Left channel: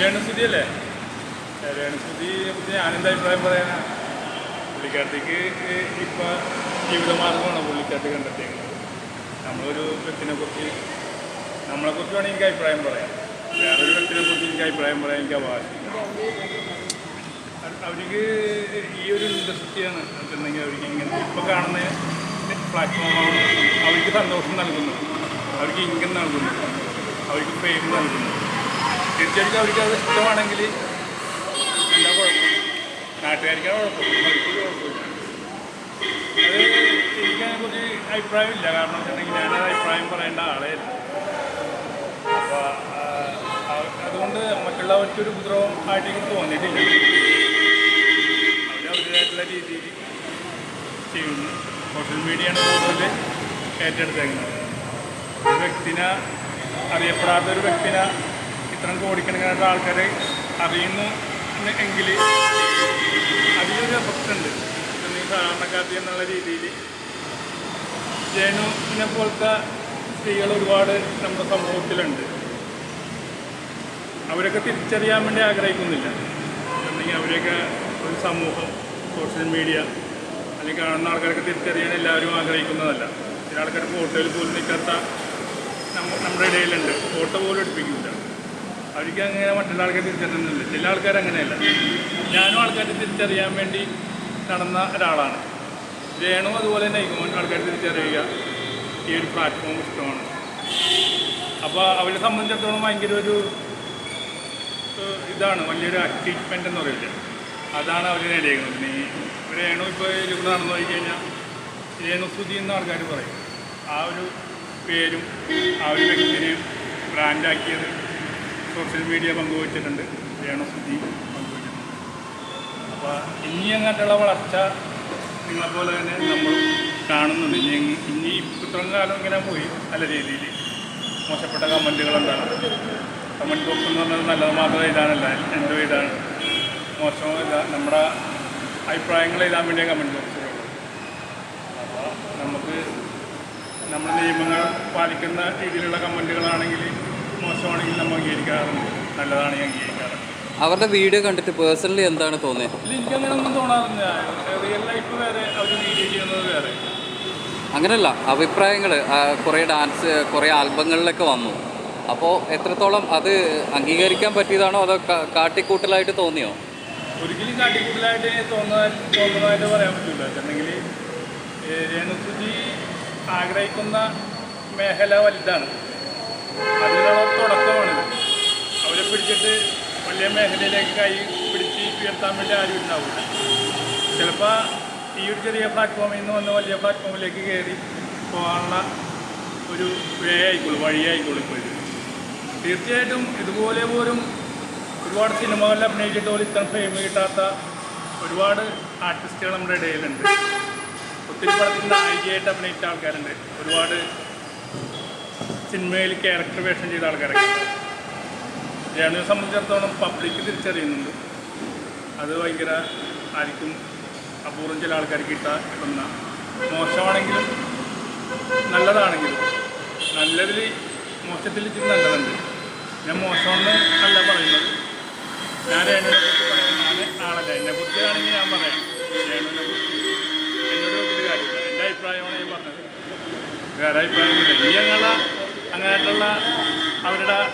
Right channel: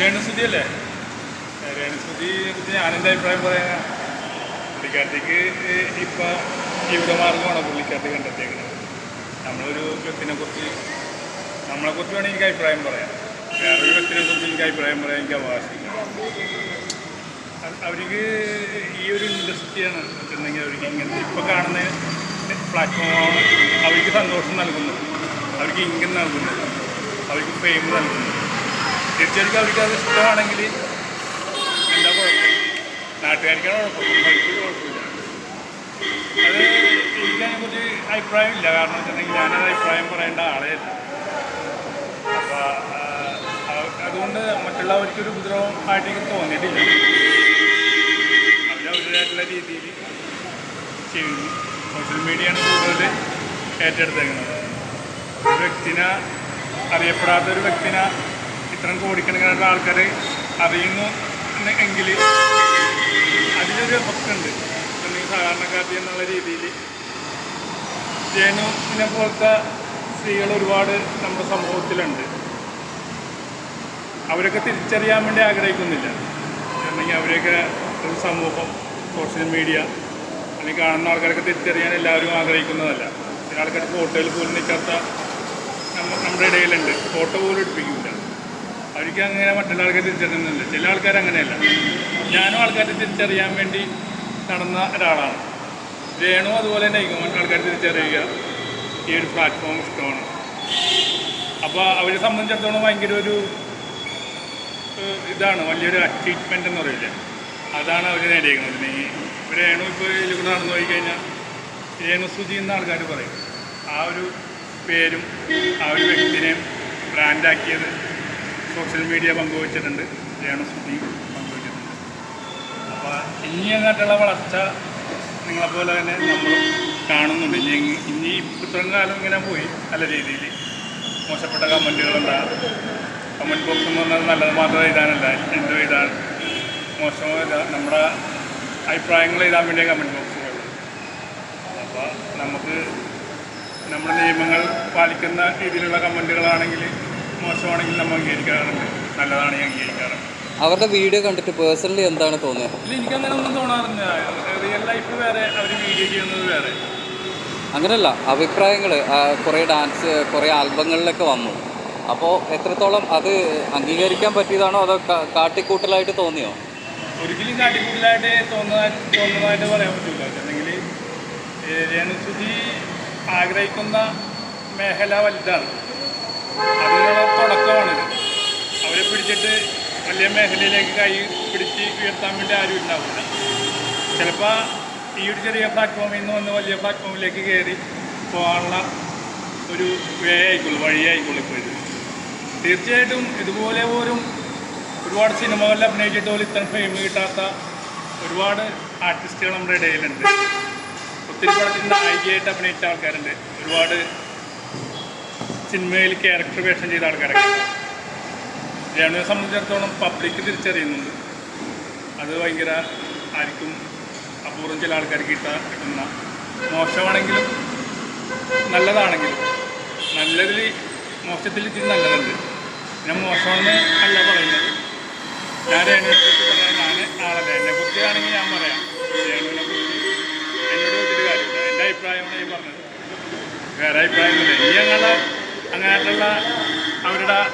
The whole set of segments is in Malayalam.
രേണുസുതി അല്ലേ രേണുസുതി ഞാൻ എന്റെ അഭിപ്രായം പറയാനാ പുള്ളിക്കാട്ടിക്ക് ഇപ്പം ജീവിതമാർഗമാണ് പുള്ളിക്കാട്ടി കണ്ടെത്തിയേക്കുന്നത് നമ്മളൊരു വ്യക്തിനെ കുറിച്ച് നമ്മളെ കുറിച്ച് വേണമെങ്കിൽ എനിക്ക് അഭിപ്രായം പറയാം. വേറൊരു വ്യക്തിനെ കുറിച്ച് എനിക്ക് അഭിപ്രായം പറയാൻ എനിക്ക് അവകാശമില്ല. അവർക്ക് ഈ ഒരു ഇൻഡസ്ട്രിയാണ് വെച്ചിട്ടുണ്ടെങ്കിൽ അവർക്ക് ഇങ്ങനത്തെ ഇപ്പോൾ കാണുന്ന പ്ലാറ്റ്ഫോമാണ് അവർക്ക് സന്തോഷം നൽകുന്നത്. അവർക്ക് ഇങ്ങനെ നൽകുന്നത്. അവർക്ക് ഫെയിം നൽകുന്നത്. തീർച്ചയായിട്ടും അവർക്ക് അത് ഇഷ്ടമാണെങ്കിൽ എന്താ കുഴപ്പം? നാട്ടുകാർക്കാണ് കുഴപ്പം. അവർക്കൊരു കുഴപ്പമില്ല. അത് എനിക്കതിനെക്കുറിച്ച് അഭിപ്രായമില്ല. കാരണം വെച്ചിട്ടുണ്ടെങ്കിൽ ഞാനത് അഭിപ്രായം പറയേണ്ട ആളേ അല്ല അപ്പോൾ അതുകൊണ്ട് മറ്റുള്ളവർക്കൊരു ഉപദ്രവം ആയിട്ട് എനിക്ക് തോന്നിയിട്ടില്ല. അവർ അവരുടേതായിട്ടുള്ള രീതിയിൽ ചെയ്യുന്നു. സോഷ്യൽ മീഡിയയാണ് കൂടുതൽ ഏറ്റെടുത്തേക്കുന്നത്. ഒരു വ്യക്തിനെ അറിയപ്പെടാത്തൊരു വ്യക്തിനെ ഇത്രയും കോടിക്കണക്കിനുള്ള ആൾക്കാർ അറിയുന്നു എങ്കിൽ അതിലൊരു എഫക്റ്റ് ഉണ്ട് സാധാരണക്കാരി എന്നുള്ള രീതിയിൽ. ജനുവിനെ പോലത്തെ സ്ത്രീകൾ ഒരുപാട് നമ്മുടെ സമൂഹത്തിലുണ്ട്. അവരൊക്കെ തിരിച്ചറിയാൻ വേണ്ടി ആഗ്രഹിക്കുന്നില്ല. അല്ലെങ്കിൽ അവരെയൊക്കെ ഒരു സമൂഹം സോഷ്യൽ മീഡിയ അല്ലെങ്കിൽ കാണുന്ന ആൾക്കാരൊക്കെ തിരിച്ചറിയാൻ എല്ലാവരും ആഗ്രഹിക്കുന്നതല്ല. ചില ആൾക്കാർ ഫോട്ടോയിൽ പോലും നിൽക്കാത്ത നമ്മ നമ്മുടെ ഇടയിലുണ്ട്. ഫോട്ടോ പോലും എടുപ്പിക്കില്ല അവർക്ക് അങ്ങനെ മറ്റുള്ള ആൾക്കാർ തിരിച്ചറിയുന്നുണ്ട്. ചില ആൾക്കാർ അങ്ങനെയല്ല. ഞാനും ആൾക്കാരെ തിരിച്ചറിയാൻ വേണ്ടി നടന്ന ഒരാളാണ്. രേണു അതുപോലെ തന്നെ ആയിരിക്കും ആൾക്കാർ തിരിച്ചറിയുക ഈ ഒരു പ്ലാറ്റ്ഫോം ഇഷ്ടമാണ്. അപ്പോൾ അവരെ സംബന്ധിച്ചിടത്തോളം ഭയങ്കര ഒരു ഇതാണ്. വലിയൊരു അച്ചീവ്മെന്റ് എന്ന് പറയില്ല അതാണ് അവർ നേടിയിരിക്കുന്നത് ഈ രേണു ഇപ്പോൾ ഇതിലൂടെ നടന്നു പോയി കഴിഞ്ഞാൽ രേണുസ്തുതി എന്ന ആൾക്കാർ പറയും. ആ ഒരു പേരും ആ ഒരു വ്യക്തിനെയും ബ്രാൻഡാക്കിയത് സോഷ്യൽ മീഡിയ പങ്കുവച്ചിട്ടുണ്ട്. രേണുസുതി പങ്കുവച്ചിട്ടുണ്ട് അപ്പോൾ ഇനി അങ്ങോട്ടുള്ള വളർച്ച നിങ്ങളെപ്പോലെ തന്നെ നമ്മൾ കാണുന്നുണ്ട്. ഇനി ഇനി ഇത്രയും കാലം ഇങ്ങനെ പോയി നല്ല രീതിയിൽ. മോശപ്പെട്ട കമന്റുകളുണ്ടാകും കമന്റ് ബോക്സ് എന്ന് പറഞ്ഞാൽ നല്ലത് മാത്രം എഴുതാനല്ല. എന്ത് എഴുതാൻ മോശമോ എഴുതാൻ നമ്മുടെ അഭിപ്രായങ്ങൾ എഴുതാൻ വേണ്ടിയ കമന്റ് ബോക്സുകളുള്ളത് അപ്പോൾ നമുക്ക് നമ്മുടെ നിയമങ്ങൾ പാലിക്കുന്ന രീതിയിലുള്ള കമന്റുകളാണെങ്കിൽ മോശമാണെങ്കിൽ നമ്മൾ അംഗീകരിക്കാറുണ്ട്. നല്ലതാണെങ്കിൽ അംഗീകരിക്കാറുണ്ട്. അവരുടെ വീഡിയോ കണ്ടിട്ട് പേഴ്സണലി എന്താണ് തോന്നിയത് ഇല്ല ഒന്നും തോന്നാറില്ല. റിയൽ ലൈഫ് വേറെ അവർ വീഡിയോ ചെയ്യുന്നത് വേറെ. അങ്ങനെയല്ല അഭിപ്രായങ്ങൾ കുറേ ഡാൻസ് കുറേ ആൽബങ്ങളിലൊക്കെ വന്നു. അപ്പോൾ എത്രത്തോളം അത് അംഗീകരിക്കാൻ പറ്റിയതാണോ അതോ കാട്ടിക്കൂട്ടലായിട്ട് തോന്നിയോ? ഒരിക്കലും കാട്ടിക്കൂട്ടലായിട്ട് തോന്നുന്ന തോന്നുന്നതായിട്ട് പറയാൻ പറ്റില്ല. അല്ലെങ്കിൽ രേണുസുതി ആഗ്രഹിക്കുന്ന മേഖല വലുതാണ്. അതിനുള്ള തുടക്കമാണിത് അവരെ പിടിച്ചിട്ട് വലിയ മേഖലയിലേക്ക് കൈ പിടിച്ച് ഉയർത്താൻ വേണ്ടി ആരും ഉണ്ടാവില്ല ചിലപ്പോൾ ഈ ഒരു ചെറിയ പ്ലാറ്റ്ഫോമിൽ നിന്ന് വന്ന് വലിയ പ്ലാറ്റ്ഫോമിലേക്ക് കയറി പോകാനുള്ള ഒരു വേ ആയിക്കോളൂ വഴിയായിക്കോളൂ ഇപ്പോൾ ഇത്. തീർച്ചയായിട്ടും ഇതുപോലെ പോലും ഒരുപാട് സിനിമകളിൽ അഭിനയിച്ചിട്ട് പോലും ഇത്ര ഫെയിം കിട്ടാത്ത ഒരുപാട് ആർട്ടിസ്റ്റുകൾ നമ്മുടെ ഇടയിലുണ്ട്. ഒത്തിരി പടത്തിൽ നായികയായിട്ട് അഭിനയിച്ച ആൾക്കാരുണ്ട്. ഒരുപാട് സിനിമയിൽ ക്യാരക്ടർ വേഷം ചെയ്ത ആൾക്കാരൊക്കെ. രേണുവിനെ സംബന്ധിച്ചിടത്തോളം പബ്ലിക് തിരിച്ചറിയുന്നുണ്ട്. അത് ഭയങ്കര ആയിരിക്കും അപൂർവം ചില ആൾക്കാർക്ക് കിട്ടാ കിട്ടുന്ന മോശമാണെങ്കിലും നല്ലതാണെങ്കിലും നല്ലതിൽ മോശത്തിൽ ഇച്ചിരി നല്ലതുണ്ട്. ഞാൻ മോശമെന്ന് അല്ല പറയുന്നത്. ഞാൻ രേണുവിനെ കുറിച്ച് പറയാൻ ഞാൻ ആളല്ല. എന്നെ കുറിച്ചാണെങ്കിൽ ഞാൻ പറയാം. രേണുവിനെ കുറിച്ച് എന്നോട് വെച്ചിട്ട് കാര്യമില്ല എന്റെ അഭിപ്രായമാണ് ഞാൻ പറഞ്ഞത്. വേറെ അഭിപ്രായമൊന്നുമില്ല. ഇനി ഞങ്ങളെ അങ്ങനെയായിട്ടുള്ള അവരുടെ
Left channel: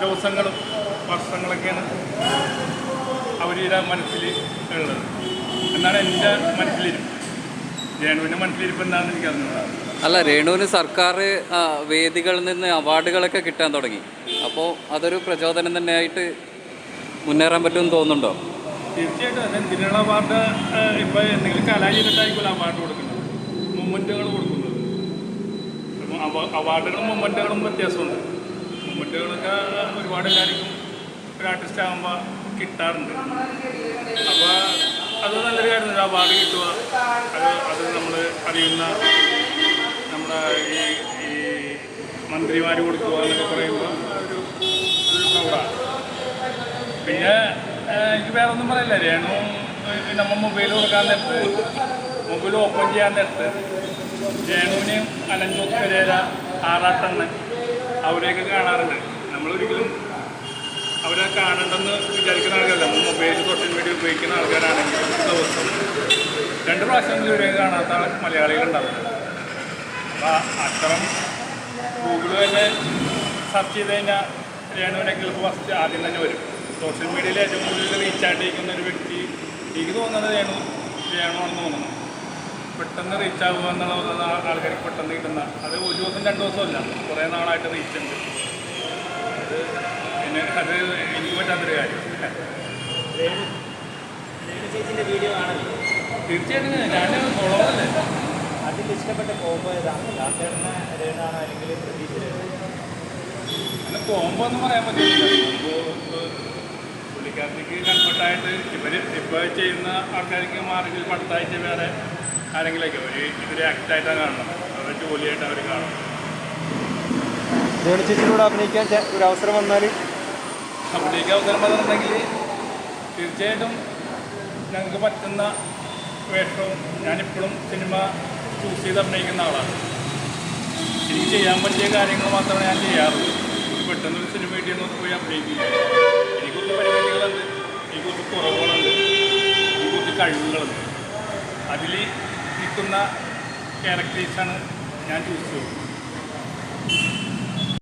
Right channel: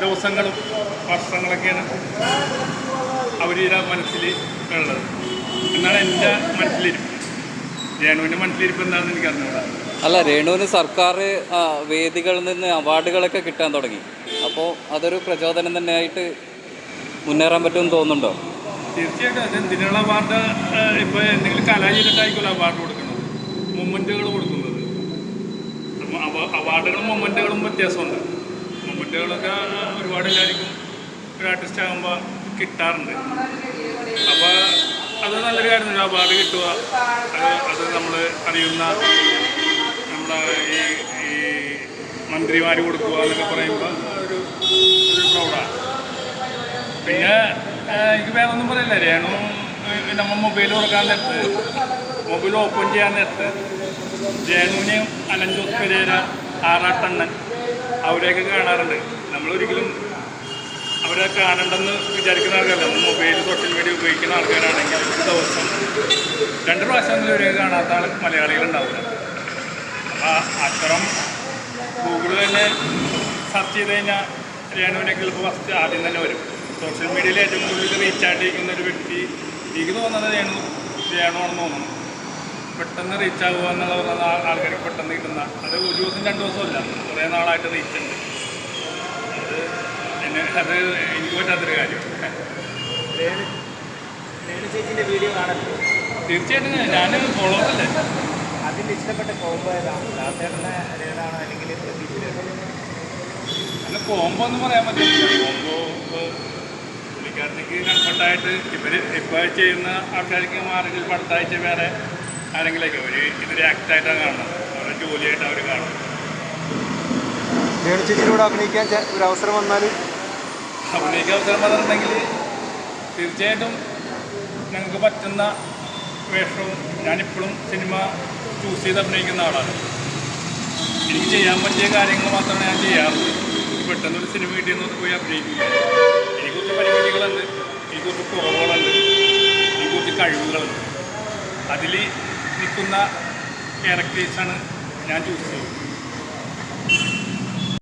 ദിവസങ്ങളും വർഷങ്ങളൊക്കെയാണ് അവരുടെ മനസ്സിൽ ഉള്ളത്. എന്നാണ് എന്റെ മനസ്സിലിരിപ്പ്. രേണുവിന്റെ മനസ്സിലിരിപ്പ് എന്താണെന്ന് എനിക്ക് അറിഞ്ഞുകൂടാ. അല്ല രേണുവിന് സർക്കാർ വേദികളിൽ നിന്ന് അവാർഡുകളൊക്കെ കിട്ടാൻ തുടങ്ങി. അപ്പോൾ അതൊരു പ്രചോദനം തന്നെയായിട്ട് മുന്നേറാൻ പറ്റുമെന്ന് തോന്നുന്നുണ്ടോ? തീർച്ചയായിട്ടും. അത് എന്തിനുള്ള അവാർഡ് ഇപ്പോൾ എന്തെങ്കിലും കലാചരിട്ടായിരിക്കുമല്ലോ അവാർഡ് കൊടുക്കുന്നത്. മൊമെന്റുകൾ കൊടുക്കുന്നത് അവ- അവാർഡുകളും മൊമെന്റുകളും വ്യത്യാസമുണ്ട്. മൊമെന്റുകളൊക്കെ ഒരുപാട് എല്ലാവർക്കും ഒരു ആർട്ടിസ്റ്റ് ആകുമ്പോൾ കിട്ടാറുണ്ട്. അപ്പോൾ അത് നല്ലൊരു കാര്യം ഒരു അവാർഡ് കിട്ടുക അത് അത് നമ്മൾ അറിയുന്ന നമ്മുടെ ഈ ഈ മന്ത്രിമാർ കൊടുക്കുക എന്നൊക്കെ പറയുമ്പോൾ ഒരു ഒരു പ്രൗഡാണ് പിന്നെ എനിക്ക് വേറെ ഒന്നും പറയില്ല. രേണു നമ്മൾ നമ്മ മൊബൈൽ കൊടുക്കാൻ നേരത്ത് മൊബൈൽ ഓപ്പൺ ചെയ്യാൻ നേരത്ത് രേണുവിനെയും അലഞ്ചോസ് പെരേര ആറാട്ടണ്ണൻ. അവരെയൊക്കെ കാണാറുണ്ട്. നമ്മളൊരിക്കലും അവരെ കാണണ്ടെന്ന് വിചാരിക്കുന്ന ആൾക്കാരല്ല. മൊബൈൽ സോഷ്യൽ മീഡിയ ഉപയോഗിക്കുന്ന ആൾക്കാരാണെങ്കിൽ ഒരു ദിവസം രണ്ട് പ്രാവശ്യം ഇവരെയൊക്കെ കാണാത്ത മലയാളികളുണ്ടാവില്ല അപ്പോൾ അത്തരം ഗൂഗിൾ തന്നെ സെർച്ച് ചെയ്ത് കഴിഞ്ഞാൽ രേണുവിനൊക്കെ ഇപ്പോൾ ഫസ്റ്റ് ആദ്യം തന്നെ വരും. സോഷ്യൽ മീഡിയയിൽ ഏറ്റവും കൂടുതൽ റീച്ച് ആയിട്ടിരിക്കുന്ന ഒരു വ്യക്തി എനിക്ക് തോന്നുന്നത് രേണു ആണെന്ന് തോന്നുന്നു. പെട്ടെന്ന് റീച്ച് ആകുക എന്നുള്ള ആ- ആൾക്കാർക്ക് പെട്ടെന്ന് കിട്ടുന്ന അത് ഒരു ദിവസം രണ്ട് ദിവസമല്ല കുറേ നാളായിട്ട് റീച്ച് ഉണ്ട്. അത് എന്നെ അത് എനിക്ക് പറ്റാത്തൊരു കാര്യം. വീഡിയോ കാണല്ലോ തീർച്ചയായിട്ടും ഞാൻ ഫോളോവറല്ലേ അതിൽ ഇഷ്ടപ്പെട്ട കോംബോ ഏതാണ് അല്ലെങ്കിൽ പ്രതീക്ഷ അല്ല കോംബോ എന്ന് പറയാൻ പറ്റില്ല. കോംബോ പുള്ളിക്കാരത്തേക്ക് കംഫർട്ടായിട്ട് ഇവർ ഇപ്പോൾ ചെയ്യുന്ന ആൾക്കാർക്ക് മാർഗിൽ പടുത്തായിട്ട് വേറെ ആരെങ്കിലൊക്കെ ഒരു ഇതൊരു ആക്റ്റായിട്ടാണ് കാണുന്നത്. അവരുടെ ജോലിയായിട്ട് അവർ കാണുന്നത് ചേച്ചിയിലൂടെ അഭിനയിക്കാൻ ഒരു അവസരം വന്നാൽ അഭിനയിക്കാൻ അവസരം വന്നിട്ടുണ്ടെങ്കിൽ തീർച്ചയായിട്ടും ഞങ്ങൾക്ക് പറ്റുന്ന വേഷവും ഞാനിപ്പോഴും സിനിമ ചൂസ് ചെയ്ത് അഭിനയിക്കുന്ന ആളാണ്. എനിക്ക് ചെയ്യാൻ പറ്റിയ കാര്യങ്ങൾ മാത്രമാണ് ഞാൻ ചെയ്യാറുള്ളത് എനിക്ക് പെട്ടെന്ന് ഒരു സിനിമ കിട്ടിയെന്ന് പോയി അഭിനയിക്കില്ല എനിക്ക് കുറച്ച് പരിപാടികളുണ്ട്. എനിക്ക് കുറച്ച് കുറവുകളുണ്ട്. എനിക്ക് കുറച്ച് കഴിവുകളുണ്ട്. അതിൽ നിൽക്കുന്ന ക്യാരക്ടേഴ്സാണ് ഞാൻ ചൂസ് ചെയ്തത്.